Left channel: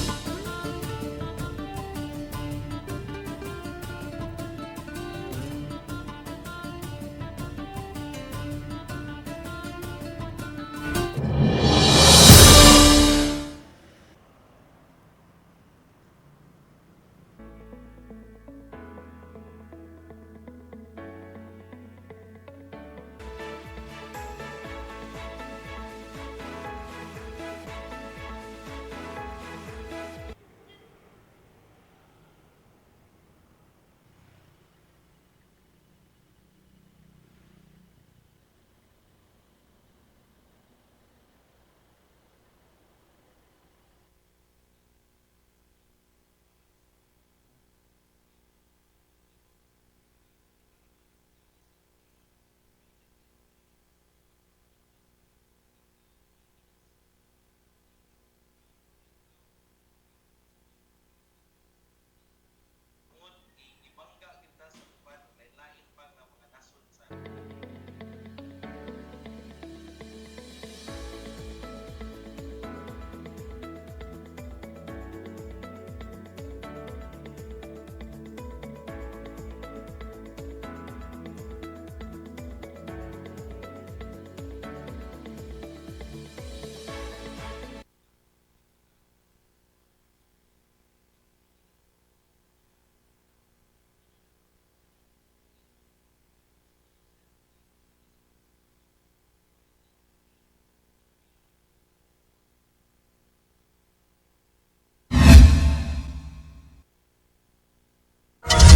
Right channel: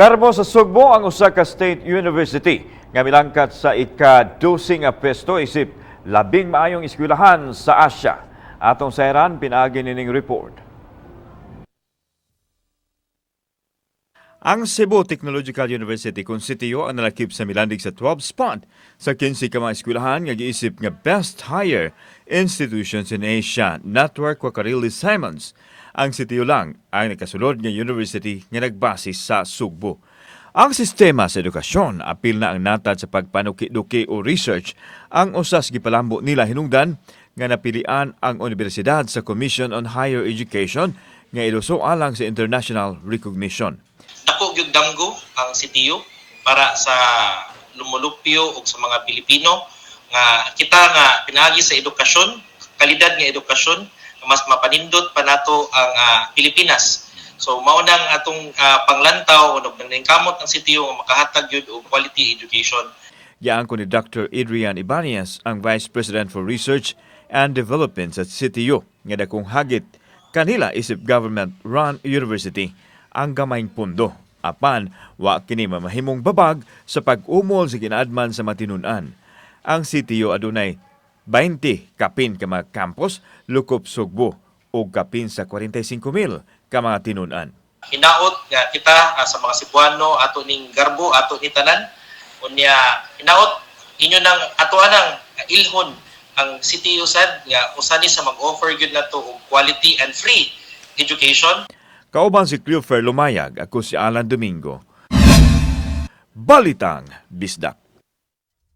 Nagarbo sa Sugbo ang usa ka state university nga milangkat sa ika-12 nga pwesto isip labing maayong eskwelahan sa Asya. Atong sayran pinaagi nining report. Ang Cebu Technological University kung CTU ang nalakip sa milandig sa 12 spot sa 15 ka mga eskwelahan nga giisip nga best higher institutions in Asia, Network Wakarili Simons. Ang CTU lang ang nakasunod nga university nga nagbase sa Sugbo. Ang sistema sa edukasyon apil na ang natad sa pagpanuki-duki o research ang usas gipalambo nila hinungdan nga napilian ang universidad sa Commission on Higher Education nga iluso alang sa international recognition. Dako gyud damgo ang CTU para sa lumulupyo ug sa mga Pilipino nga kita nga pinaagi sa edukasyon, kalidad nga edukasyon, mas mapanindot pa nato ang Pilipinas. So mao nang atong panglantaw ug nangkamot ang CTU nga makahatag gyud og quality education. Yaan ko ni Dr. Adrian Ibanez, ang Vice President for Research and Development sa CTU, nga dakong hagit kanila isip government-run university ang gamayng pundo. Apan, wa kini mamahimong babag sa pag-umol sa ginaadman sa matinunan. Ang CTU adunay 20 kapin ka mga campus, lukop Sugbo, o kapin sa 45,000 ka mga tinunan. Hinaot nga kita sa mga Cebuano ato ning garbo ato ni tanan unya hinaot inyo nang ato anang ilhon ang CTU sad nga usani sa mag-offer gyud nato og quality and free education. Kauban si Cleofer Lumayag, ako si Alan Domingo. Balitang Bisdak.